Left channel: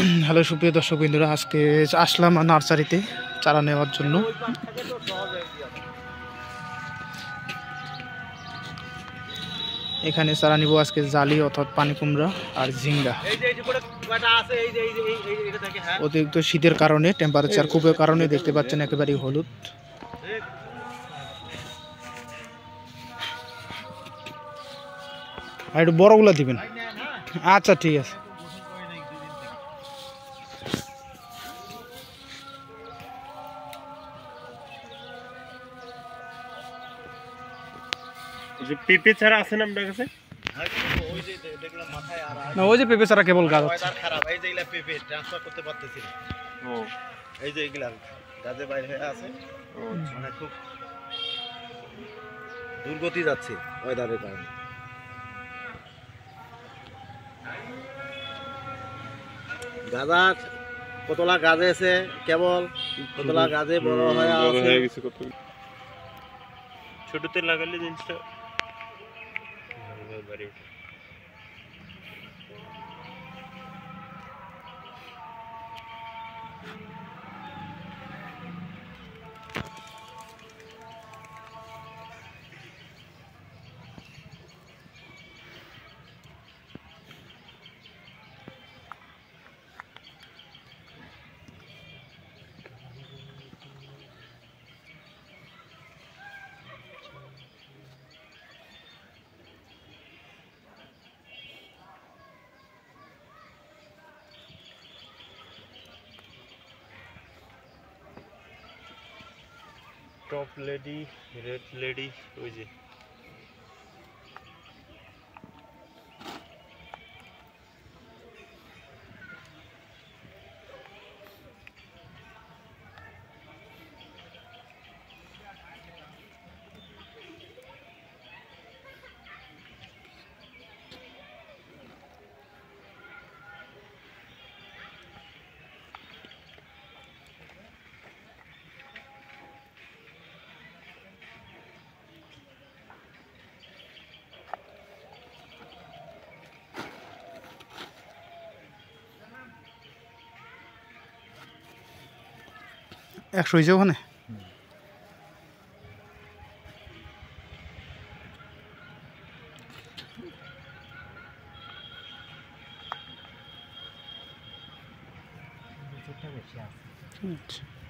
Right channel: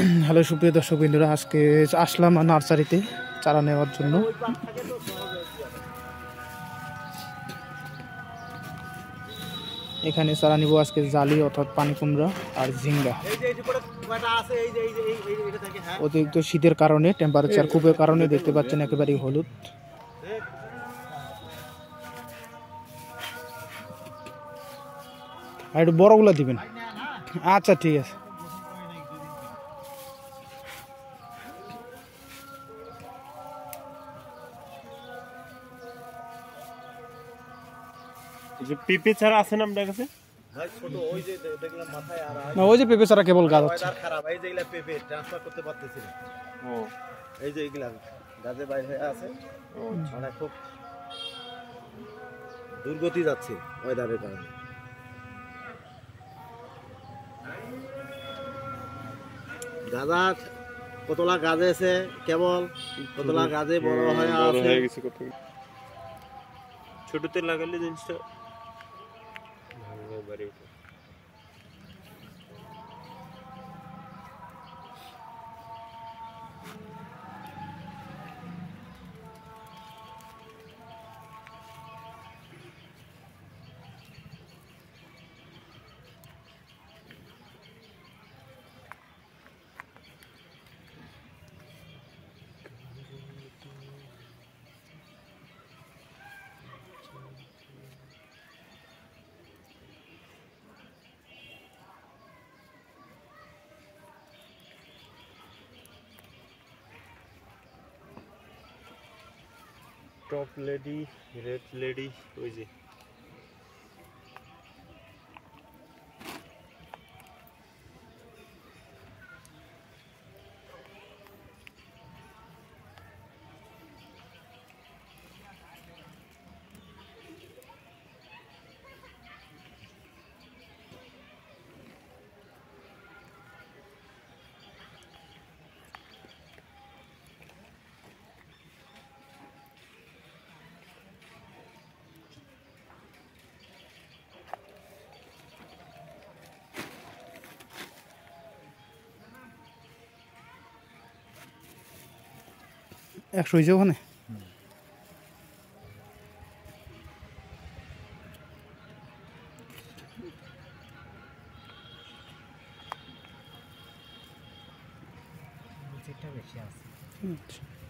Hello সুপ্রিয় দর্শক বিন্দুরা, আজকে আসলাম নার্সারিতে চারা নেওয়ার জন্য। এখানে চারা নিব আজকে জালি অর্থাৎ পানি কুমড়া আর ঝিঙ্গা। অতিরিক্ত শীতের কারণে, টেম্পারেচার খুবের কারণে দেখতে পাচ্ছেন একেবারেই হলুদ। আর একটু বড়গুলো দিবেন। আচ্ছা ঠিক আছে। পেঁপে ছাড়া আছে না আপনার কাছে? না, ওই যে পেঁপে ছাড়া কেবল গাছ আছে। খারাপ এই যে এগুলা পেঁপে ট্রান্সফার করতে পারতেছি না। ও এই যে এগুলা গাছে বাইরে হয়ে আছে, মানে খুব দুর্গতি যাচ্ছে ওয়েদারের কারণে। গাঁদা কতলা গাছে আছে, কেবল কতলা গাছে বড় হয়ে আছে। ছোটতে লাগালে জিনিসটা ভালোভাবে বাড়ে ওঠে। টপ লেডি, রেড লেডি, ওই যে একশো হয়েছে ওখানে। বেশি আছে। আচ্ছা।